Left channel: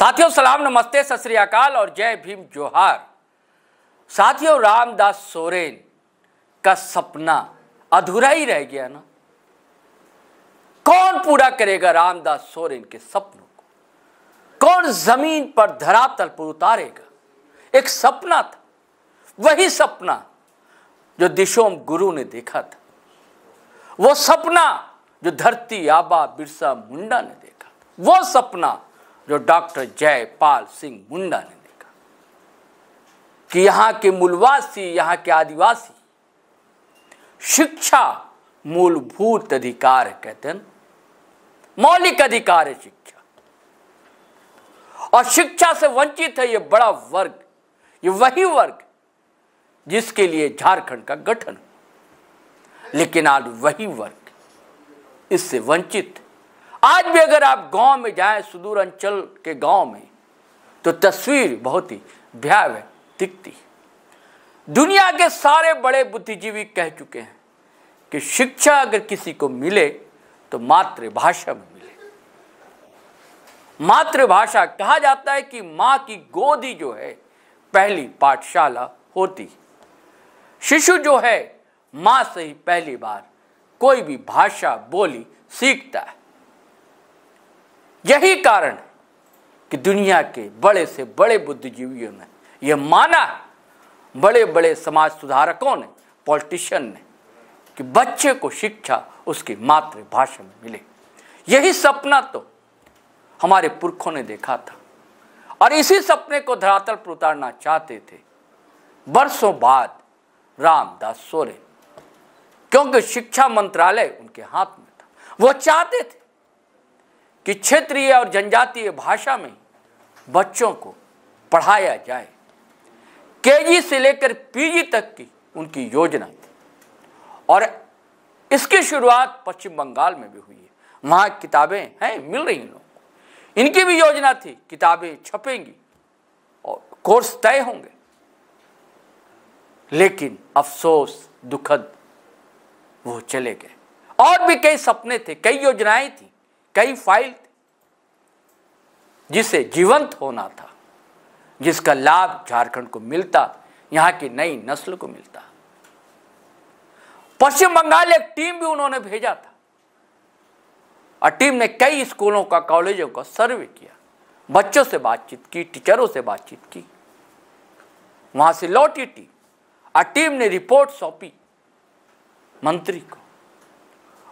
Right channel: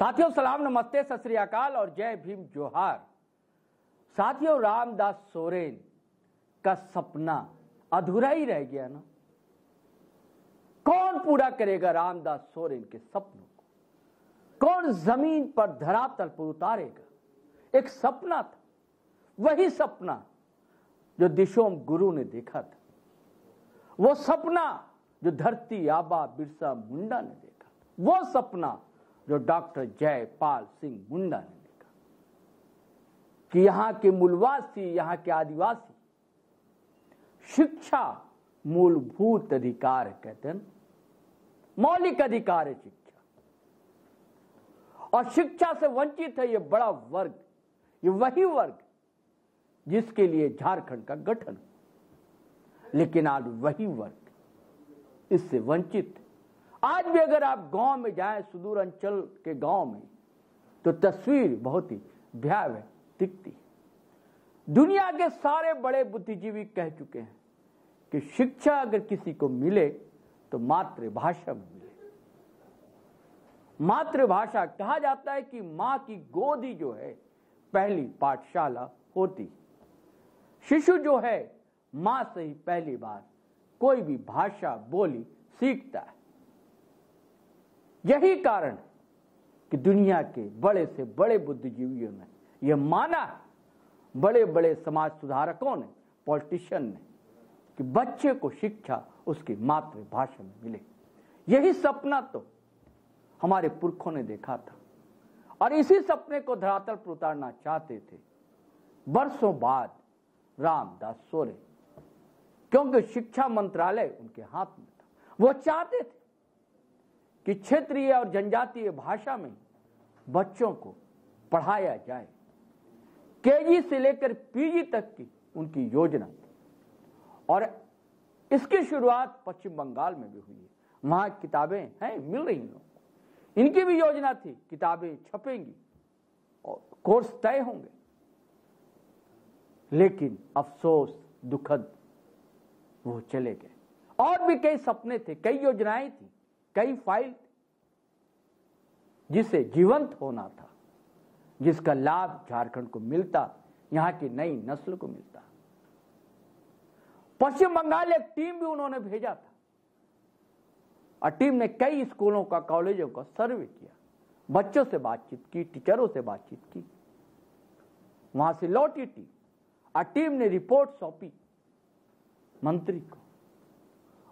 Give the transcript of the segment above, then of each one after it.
साथियों सलाम, नमस्ते, सत श्री अकाल और जय भीम जोहार। साथियों, रामदास सोरेन का सपना अधूरा ही रह गया ना। कौन पूरा करेगा रामदास सोरेन के सपनों को? कौन जमीन पर धरातल पर उतारेगा? एक सपना था, वही सपना जो दिशोम गुरु ने देखा था, वो सपना जो धरती आबा बिरसा मुंडा ने देखा, वो सपना जो डॉक्टर जयपाल सिंह मुंडा ने देखा कि यहाँ के मूलवासी, यहाँ के आदिवासी, शिक्षा मूलभूत अधिकार है, कहते हैं मौलिक अधिकार है शिक्षा, और शिक्षा से वंचित है ये बड़ा वर्ग, ये वही वर्ग जिसके लिए झारखंड का गठन। लेकिन आज वही वर्ग इससे वंचित। आज भी अगर आप गांव में जाएं, सुदूर अंचल के गांव में, तो तस्वीर बहुत ही भयावह दिखती। दुनिया के सारे बड़े बुद्धिजीवी कह चुके हैं कि शिक्षा अगर किसी को मिले तो मातृभाषा में मिले। मातृभाषा, कहा जाता है कि माँ की गोद ही जो है पहली पाठशाला होती। शिशु जो है माँ से ही पहली बार कोई भी भाषा बोली सीखता है। यही कारण है कि दुनिया के बड़े से बड़े बुद्धिजीवियों ने यह माना है, बड़े बड़े समाज सुधारकों ने, पॉलिटिशियन ने, कि बच्चे को शिक्षा उसकी मातृभाषा में मिले। यही सपना तो हमारे पुरखों ने देखा था और इसी सपने को धरातल पर उतारना चाहते थे बरसों बाद रामदास सोरेन, क्योंकि शिक्षा मंत्रालय उनके हाथ में था। वो चाहते थे कि क्षेत्रीय और जनजातीय भाषा में बच्चों को पढ़ाया जाए। केजी से लेकर पीजी तक की उनकी योजना थी और इसकी शुरुआत पश्चिम बंगाल में भी हुई है। वहाँ किताबें हैं, मिल रही लोगों को। इनकी भी योजना थी, किताबें छपेंगी और कोर्स तय होंगे। लेकिन अफसोस, दुखद, वो चले गए। और भी कई सपने थे, कई योजनाएं थी, कई फाइल थी जिसे जीवंत होना था, जिसका लाभ झारखंड को मिलता, यहाँ की नई नस्ल को मिलता। पश्चिम बंगाल एक टीम भी उन्होंने भेजा था और टीम ने कई स्कूलों का, कॉलेजों का सर्वे किया, बच्चों से बातचीत की, टीचरों से बातचीत की। वहां से लौटी टीम और टीम ने रिपोर्ट सौंपी मंत्री को।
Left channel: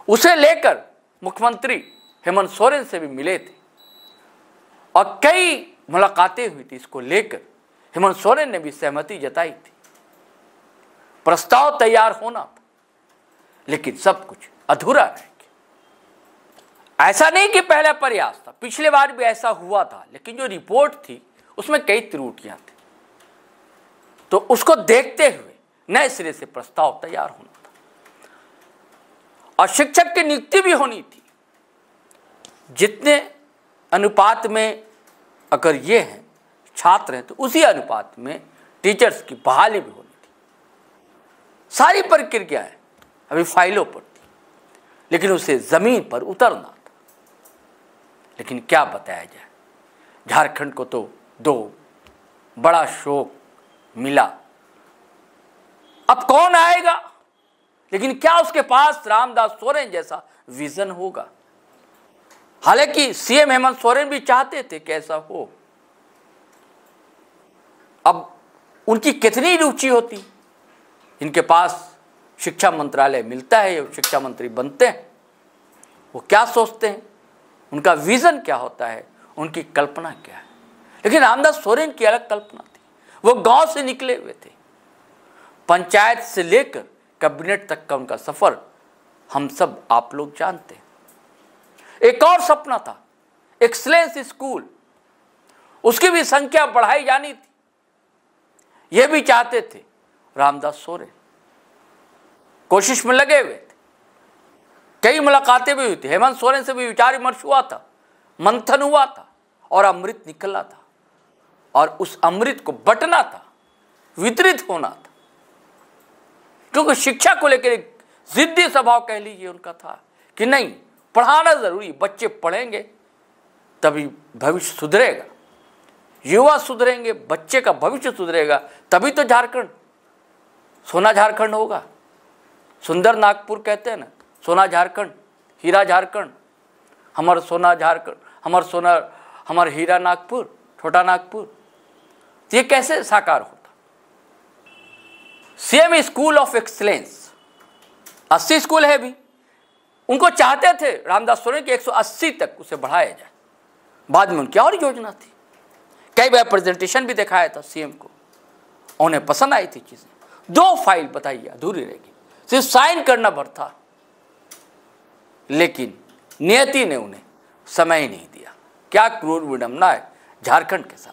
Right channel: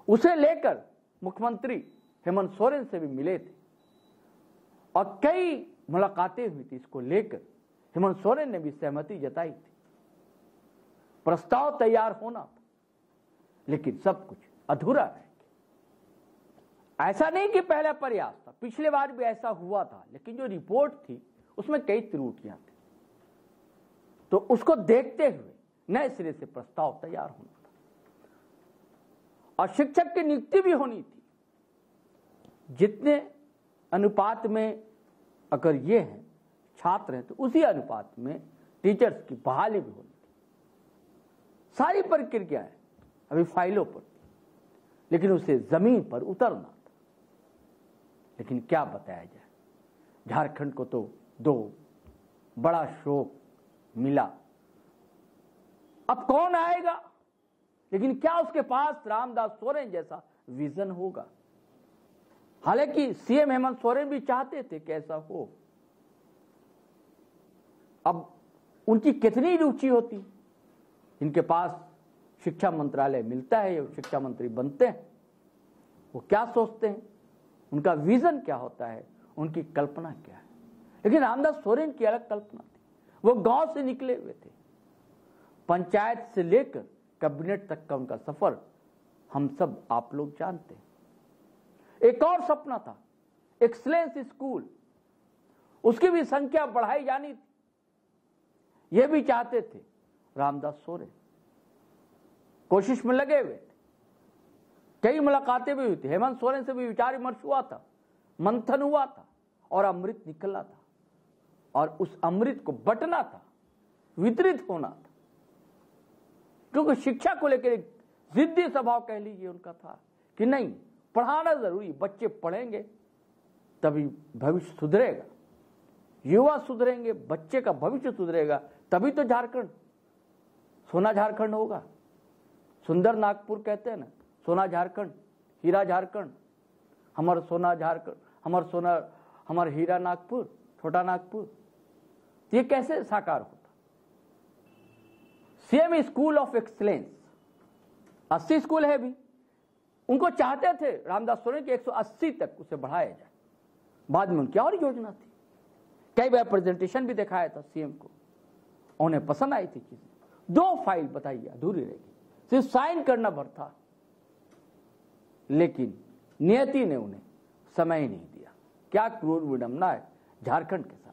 उसे लेकर मुख्यमंत्री हेमंत सोरेन से भी मिले थे और कई मुलाकातें हुई थी। इसको लेकर हेमंत सोरेन ने भी सहमति जताई थी। प्रस्ताव तैयार होना था, लेकिन सब कुछ अधूरा रह गया। ऐसा नहीं कि पहला प्रयास था, पिछले बार भी ऐसा हुआ था, लेकिन जो रिपोर्ट थी उसमें कई त्रुटियां थी। तो उसको देखते हुए नए सिरे से प्रस्ताव तैयार होना था और शिक्षक की नियुक्ति भी होनी थी। जितने अनुपात में अगर ये हैं छात्र हैं, तो उसी अनुपात में टीचर्स की बहाली भी होनी थी। सारी प्रक्रियाएं अभी फाइलों पर थी, लेकिन उसे जमीन पर उतरना था। लेकिन क्या बताया जाए, झारखंड को तो दो बड़ा शोक मिला। अब कौन आएगा, लेकिन क्या उसके पास रामदास सोरेन जैसा विजन होगा? हालांकि सीएम हेमंत सोरेन भी चाहते थे कि ऐसा हो। अब उनकी कितनी रुचि होती, इनके पास शिक्षा मंत्रालय मिलता है, शिक्षा मंत्री बनते हैं, वो क्या सोचते हैं, उनका विजन क्या होता है, उनकी कल्पना क्या है। लेकिन रामदास सोरेन की अलग कल्पना थी। वो गांव से निकले हुए थे, पंचायत से लेकर कैबिनेट तक का उनका सफर हम सब आप लोग जानते हैं। एक और सपना था, एक्सीलेंस स्कूल, उसकी भी संख्या बढ़ाई जानी थी। यह भी चाहते थे रामदास सोरेन, कोशिश में लगे हुए थे। कई मुलाकातें भी हुई थी, हेमंत सोरेन से भी विचार विमर्श हुआ था, मंथन हुआ था और अमृत निकला था और उस अमृत को बंटना था, वितरित होना था। क्योंकि शिक्षा को लेकर एक जिद्दी स्वभाव कह लीजिए उनका था कि नहीं, पढ़ाना जरूरी, बच्चे पढ़ेंगे तभी भविष्य सुधरेगा। युवा सुधरेंगे, बच्चे का भविष्य सुधरेगा, तभी तो झारखंड सोना झारखंड होगा। सुंदर नागपुर कहते हैं ना, सोना झारखंड, हीरा झारखंड, हमार सोना झारखंड, हमार सोना, हमार हीरा नागपुर, छोटा नागपुर। तो ये कैसे साकार होता? CM school of excellence 80 school है भी, उनको चाहते थे रामदास सोरेन कि 180 तक उसे बढ़ाया जाए। बाद में उनकी और योजना थी, कई बार प्रेजेंटेशन भी दिखाया था सीएम को, उन्हें पसंद आई थी चीजें। 2 फाइल बताइए अधूरी रहेगी, सिर्फ साइन करना भर था, लेकिन नियति ने उन्हें समय ही नहीं दिया। क्या क्रूर विडंबना है झारखंड के साथ।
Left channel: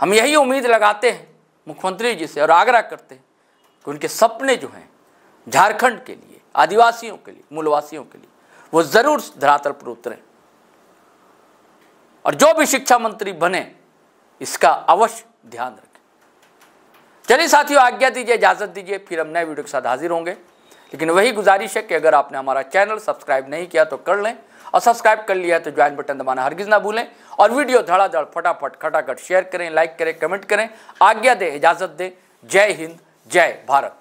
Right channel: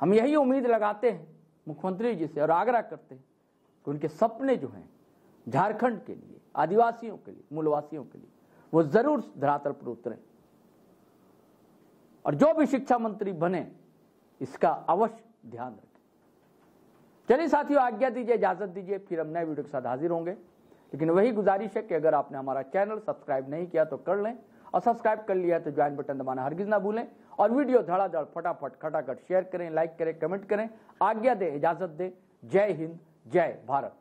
हम यही उम्मीद लगाते हैं मुख्यमंत्री जी से और आग्रह करते हैं कि उनके सपने जो हैं झारखंड के लिए, आदिवासियों के लिए, मूलवासियों के लिए, वो जरूर धरातल पर उतरें और जो भी शिक्षा मंत्री बने इसका अवश्य ध्यान रखें। चलिए साथियों, आज्ञा दीजिए, इजाजत दीजिए, फिर हम नए वीडियो के साथ हाजिर होंगे। लेकिन वही गुजारिश है कि अगर आपने हमारा चैनल सब्सक्राइब नहीं किया तो कर लें, और सब्सक्राइब कर लिया है तो ज्वाइन बटन दबाना हरगिज ना भूलें, और वीडियो धड़ाधड़ फटाफट खटाखट शेयर करें, लाइक करें, कमेंट करें। आज्ञा दें, इजाजत दें। जय हिंद, जय भारत।